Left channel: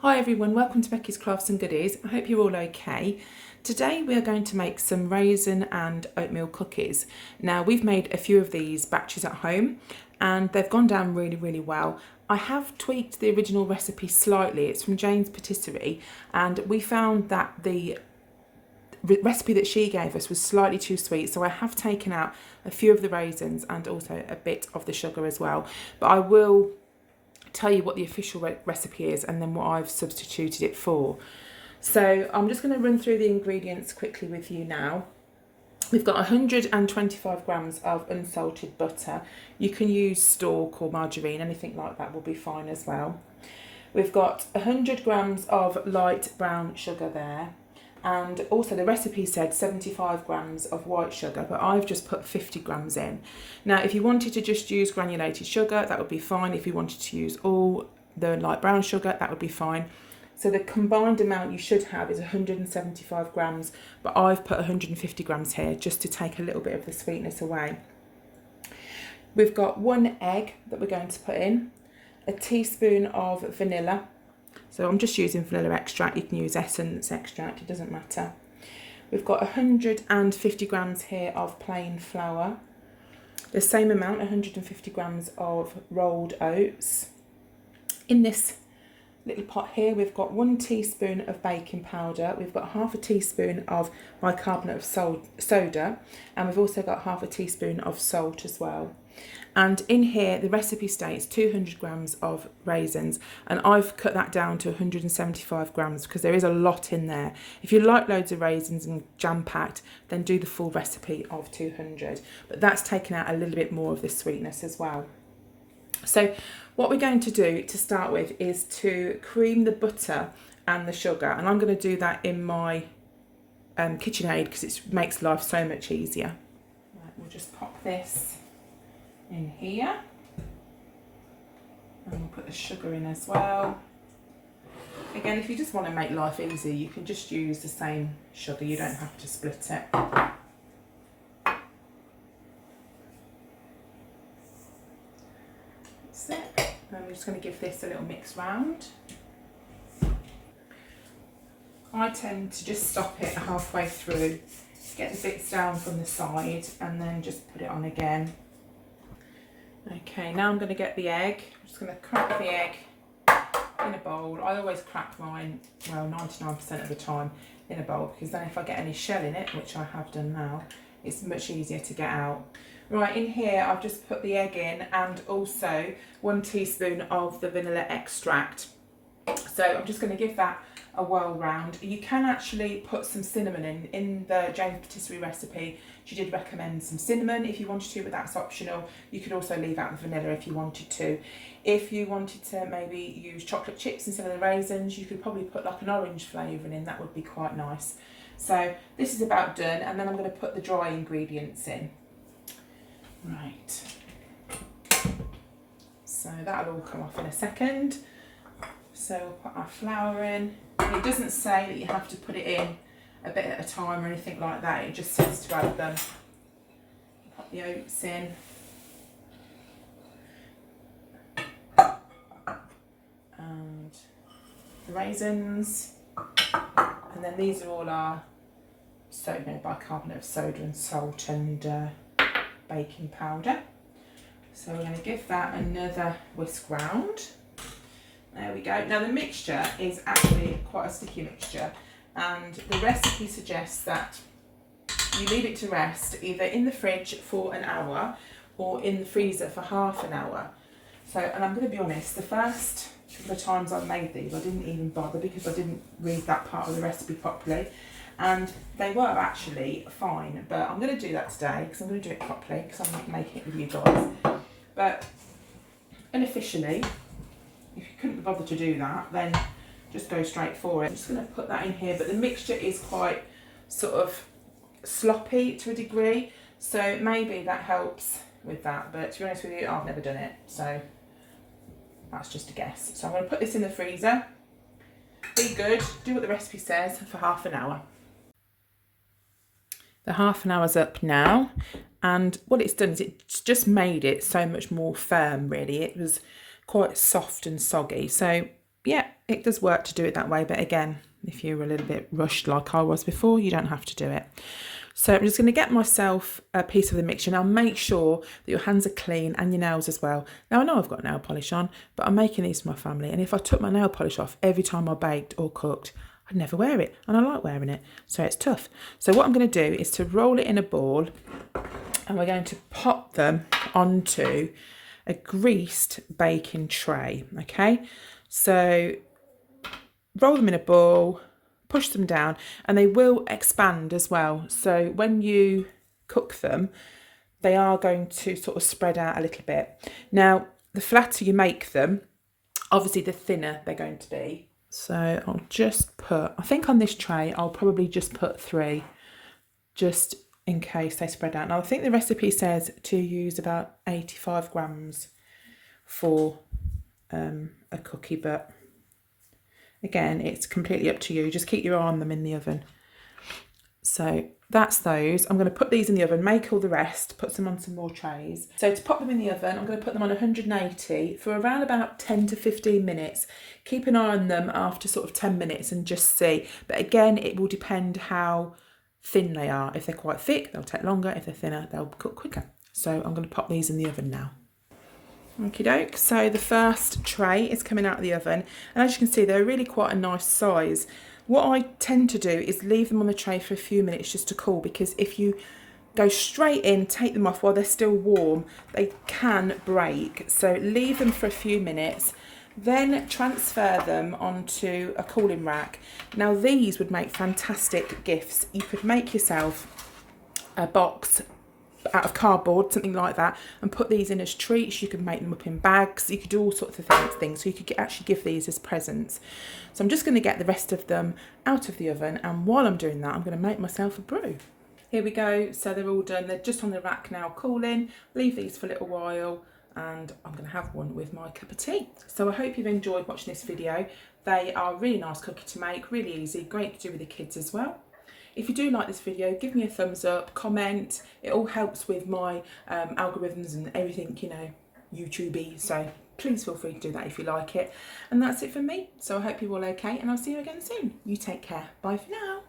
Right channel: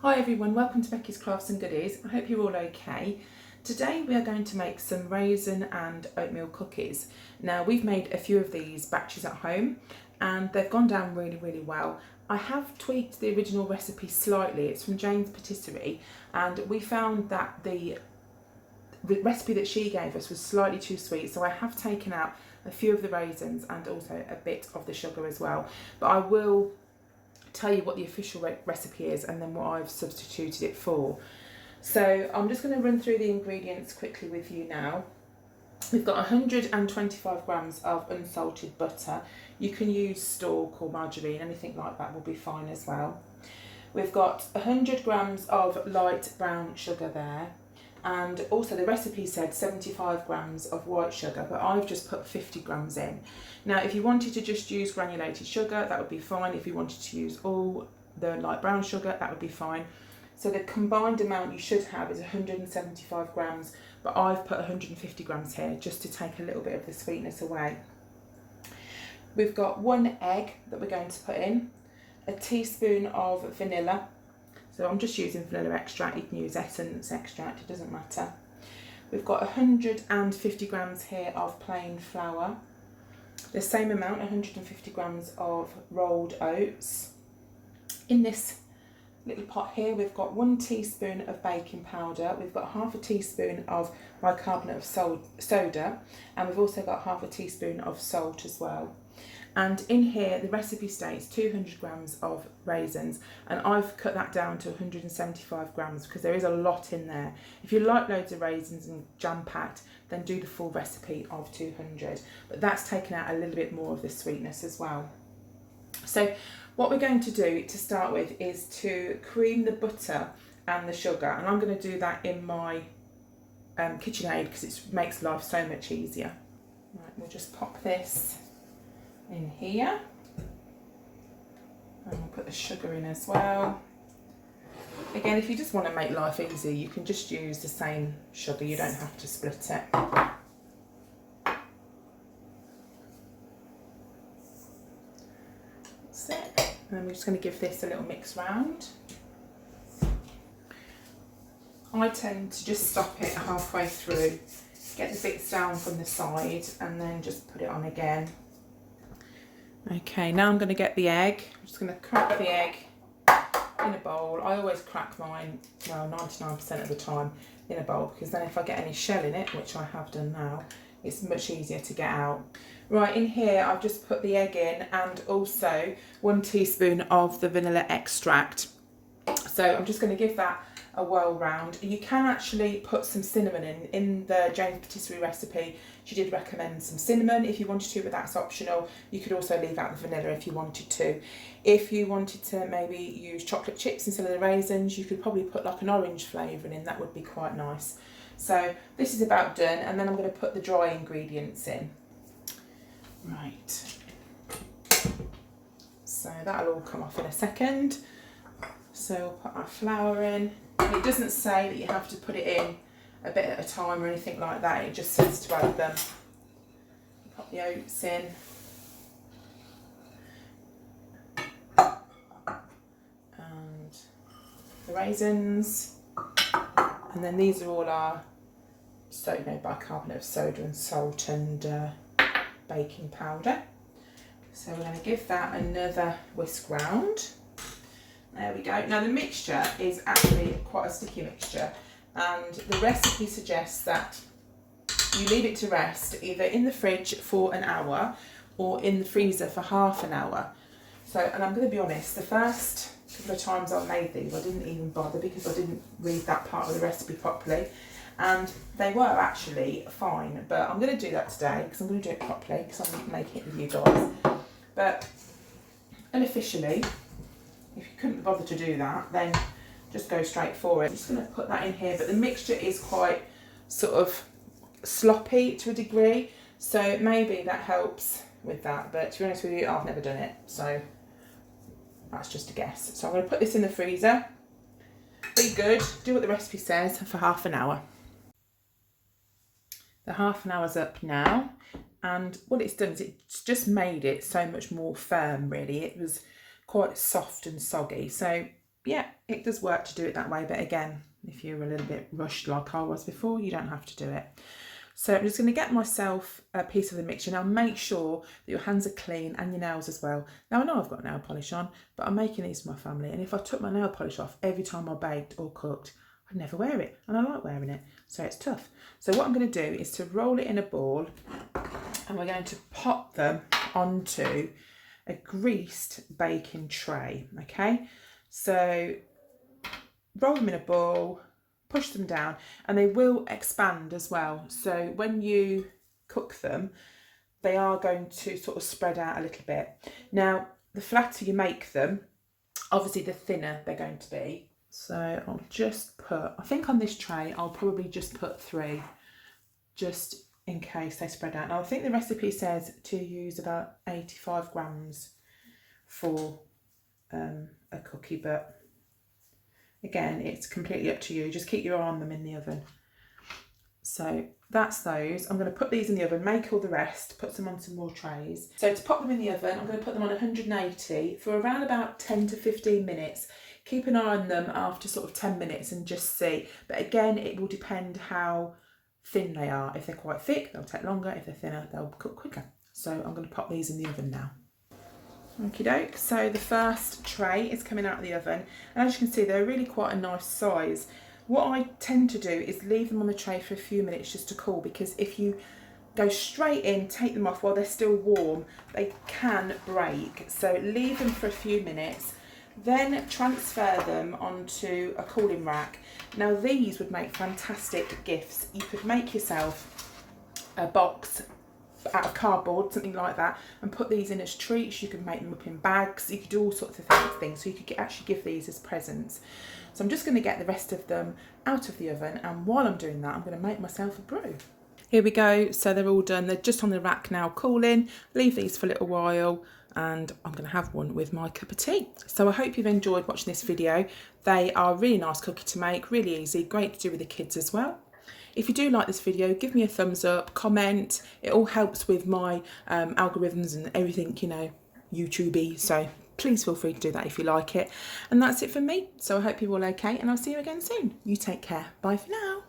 Hi everyone, welcome to Becky's Crafts and Goodies. I hope you're all okay. Today we are going to make some raisin and oatmeal cookies. Now we've made a few of these batches at home and they've gone down really well. I have tweaked the original recipe slightly. It's from Jane's Patisserie and we found that the recipe that she gave us was slightly too sweet, so I have taken out a few of the raisins and also a bit of the sugar as well. But I will tell you what the official recipe is and then what I've substituted it for. So I'm just going to run through the ingredients quickly with you now. We've got 125 grams of unsalted butter. You can use stork or margarine, anything like that will be fine as well. We've got 100 grams of light brown sugar there, and also the recipe said 75 grams of white sugar, but I've just put 50 grams in. Now if you wanted to just use granulated sugar, that would be fine. If you wanted to use all the light brown sugar, that would be fine. So the combined amount you should have is 175 grams, but I've put 150 grams here just to take a little bit of the sweetness away. We've got 1 egg that we're going to put in, a teaspoon of vanilla. So I'm just using vanilla extract, you can use essence extract, it doesn't matter. We've got 150 grams here of plain flour, the same amount, 150 grams of rolled oats. In this little pot here we've got 1 teaspoon of baking powder, we've got half a teaspoon of bicarbonate of soda, and we've also got half a teaspoon of salt as well. And in here the recipe states 200 grams of raisins, and I've cut that down to 175 grams because there is a lot in there. If you like loads of raisins and jam-packed, then do the full recipe of 200, but that's taken out a little bit more of the sweetness as well. So what we're going to do to start with is to cream the butter and the sugar, and I'm going to do that in my KitchenAid because it makes life so much easier. Right, we'll just pop this in here and we'll put the sugar in as well. Again, if you just want to make life easy, you can just use the same sugar, you don't have to split it. That's it. And I'm just going to give this a little mix round. I tend to just stop it halfway through, get the bits down from the side and then just put it on again. Okay, now I'm going to get the egg. I'm just going to crack the egg in a bowl. I always crack mine, well, 99% of the time in a bowl, because then if I get any shell in it, which I have done now, it's much easier to get out. Right, in here I've just put the egg in and also 1 teaspoon of the vanilla extract. So I'm just going to give that a whirl round. You can actually put some cinnamon in the Jane's Patisserie recipe. She did recommend some cinnamon if you wanted to, but that's optional. You could also leave out the vanilla if you wanted to. If you wanted to maybe use chocolate chips instead of the raisins, you could probably put like an orange flavouring in, that would be quite nice. So this is about done, and then I'm going to put the dry ingredients in. Right, so that'll all come off in a second. So we'll put our flour in. It doesn't say that you have to put it in a bit at a time or anything like that, it just says to add them. Put the oats in. And the raisins. And then these are all our bicarbonate of soda and salt and baking powder. So we're going to give that another whisk round. There we go. Now the mixture is actually quite a sticky mixture, and the recipe suggests that you leave it to rest either in the fridge for an hour or in the freezer for half an hour. So, and I'm going to be honest, the first couple of times I've made these I didn't even bother because I didn't read that part of the recipe properly, and they were actually fine, but I'm going to do that today because I'm going to do it properly because I'm making it with you guys. But unofficially, if you couldn't bother to do that, then just go straight for it. I'm just going to put that in here, but the mixture is quite sort of sloppy to a degree, so maybe that helps with that, but to be honest with you, I've never done it, so that's just a guess. So I'm going to put this in the freezer, be good, do what the recipe says for half an hour. The half an hour's up now, and what it's done is it's just made it so much more firm really. It was quite soft and soggy, so yeah, it does work to do it that way. But again, if you're a little bit rushed like I was before, you don't have to do it. So I'm just going to get myself a piece of the mixture. Now make sure that your hands are clean and your nails as well. Now I know I've got nail polish on, but I'm making these for my family. And if I took my nail polish off every time I baked or cooked, I'd never wear it. And I like wearing it, so it's tough. So what I'm going to do is to roll it in a ball, and we're going to pop them onto a greased baking tray, okay? So roll them in a ball, push them down, and they will expand as well. So when you cook them, they are going to sort of spread out a little bit. Now, the flatter you make them, obviously the thinner they're going to be. So I'll just put, I think on this tray, I'll probably just put 3, just in case they spread out. Now I think the recipe says to use about 85 grams for a cookie, but again, it's completely up to you. Just keep your eye on them in the oven. So that's those. I'm going to put these in the oven, make all the rest, put them on some more trays. So to pop them in the oven, I'm going to put them on 180 for around about 10 to 15 minutes. Keep an eye on them after sort of 10 minutes and just see. But again, it will depend how thin they are. If they're quite thick, they'll take longer. If they're thinner, they'll cook quicker. So I'm going to pop these in the oven now. Okie doke, so the first tray is coming out of the oven, and as you can see, they're really quite a nice size. What I tend to do is leave them on the tray for a few minutes just to cool, because if you go straight in, take them off while they're still warm, they can break. So leave them for a few minutes, then transfer them onto a cooling rack. Now these would make fantastic gifts. You could make yourself a box out of cardboard, something like that, and put these in as treats. You could make them up in bags. You could do all sorts of things. So you could actually give these as presents. So I'm just going to get the rest of them out of the oven, and while I'm doing that, I'm going to make myself a brew. Here we go. So they're all done. They're just on the rack now, cooling. Leave these for a little while, and I'm going to have one with my cup of tea. So I hope you've enjoyed watching this video. They are a really nice cookie to make, really easy, great to do with the kids as well. If you do like this video, give me a thumbs up, comment. It all helps with my algorithms and everything, you know, YouTube-y. So please feel free to do that if you like it. And that's it from me. So I hope you're all okay, and I'll see you again soon. You take care. Bye for now.